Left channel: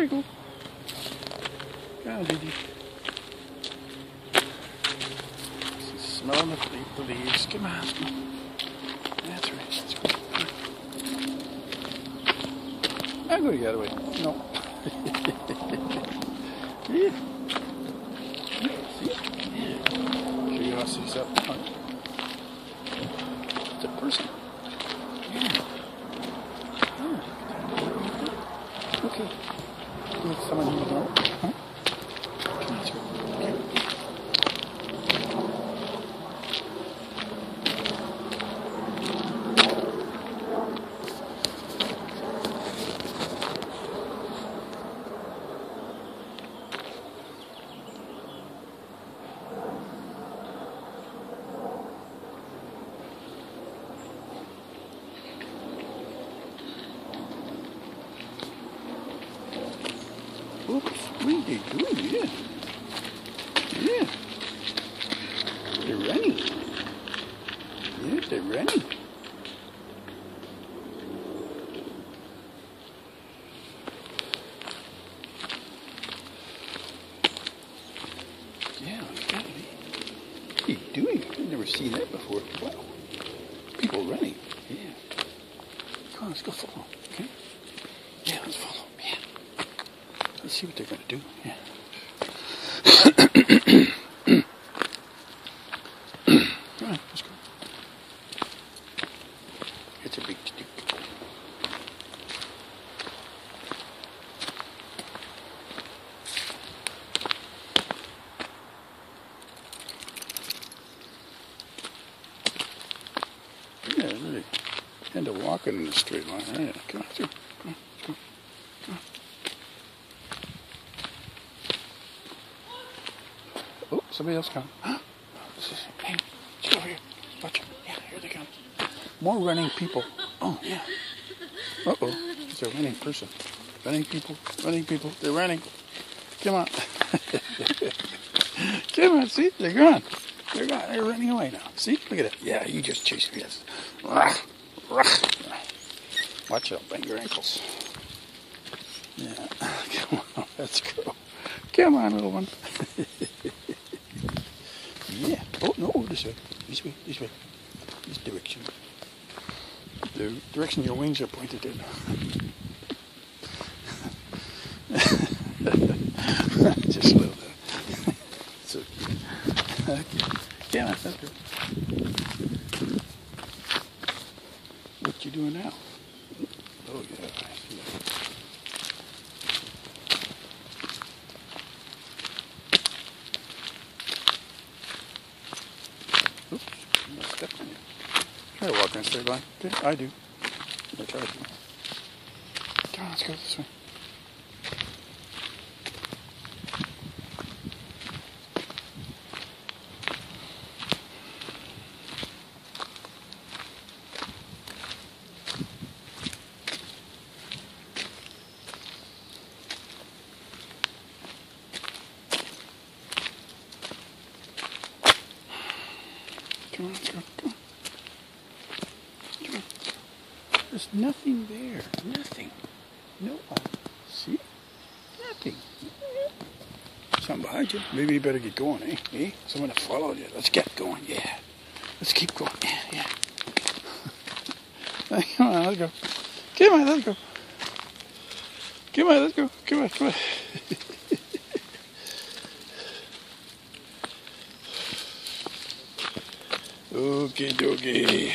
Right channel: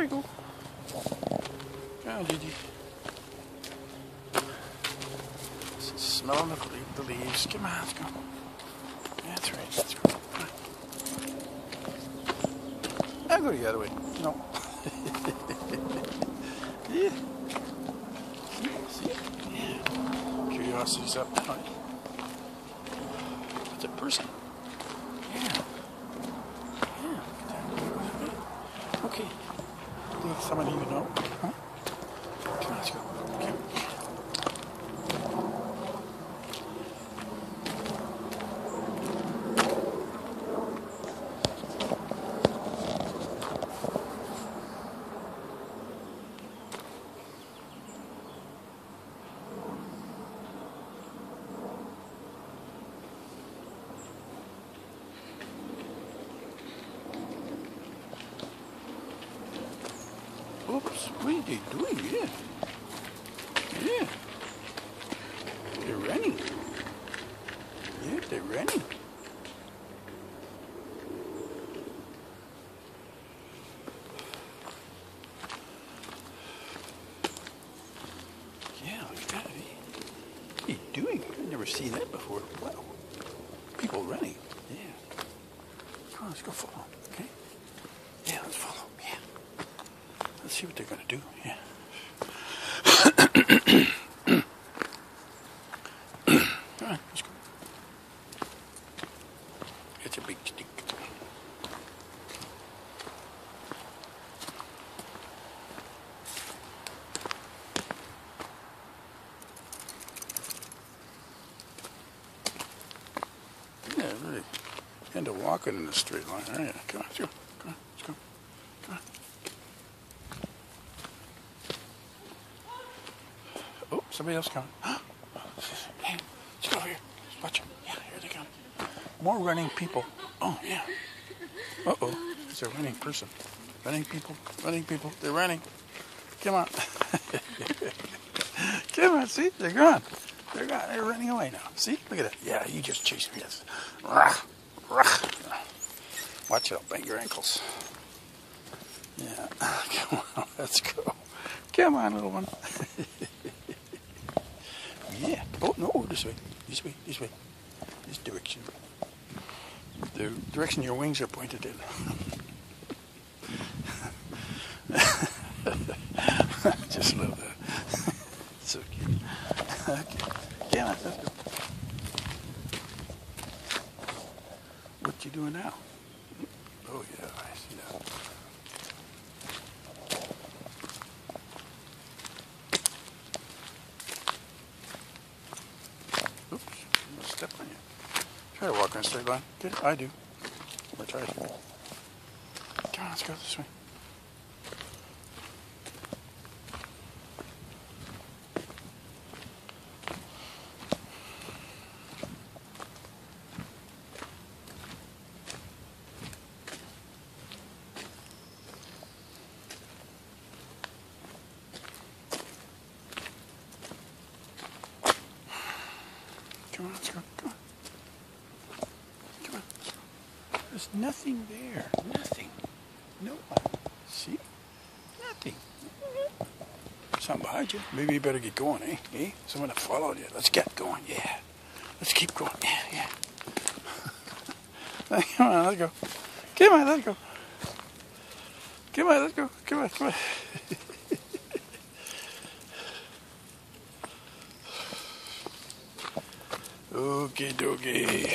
we go. Come on, Gigi. Smelling the leaves. Come on, let's go. That's right. That's right. I'll go the other way. No. Yeah. See? Yeah. Curiosity's up now. It's a person. Yeah. Yeah. Okay. With someone you know. Huh? Come on, let's go. Okay. Oops, what are they doing? Yeah. Yeah. They're running. Yeah, they're running. Yeah, it's gotta be. What are you doing? I've never seen that before. Wow. People running. Yeah. Come on, let's go follow them, okay? Yeah, let's follow them. Yeah. Let's see what they're going to do. Yeah. All right, let's go. It's a big stick. Yeah, really. End up walking in a straight line. All right, come on, let's go. Come on, let's go. Come on. Oh, somebody else coming. Hey, let's go over here. Watch them. Yeah, here they come. More running people. Oh, yeah. Uh-oh. It's a running person. Running people. Running people. They're running. Come on. Come on, see? They're gone. They're gone. They're running away now. See? Look at that. Yeah, you just chased me. Watch out. Bang your ankles. Yeah. Come on. Let's go. Come on, little one. Yeah. Oh, no, this way. This way. This way. This direction. The direction your wings are pointed in. Just love that. So cute. Okay. Come on, let's go. What you doing now? Oh, yeah. Oops, I stepped on you. Try to walk on a straight line. Yeah, I do. I try to. Come on, let's go this way. Come on, let's go. Come on. Come on. Let's go. There's nothing there. Nothing. No one. See? Nothing. Something behind you. Maybe you better get going, eh? Eh? Someone followed you. Let's get going. Yeah. Let's keep going. Yeah. Come on, let's go. Come on, let's go. Come on, let's go. Come on, come on. Okay, dokie.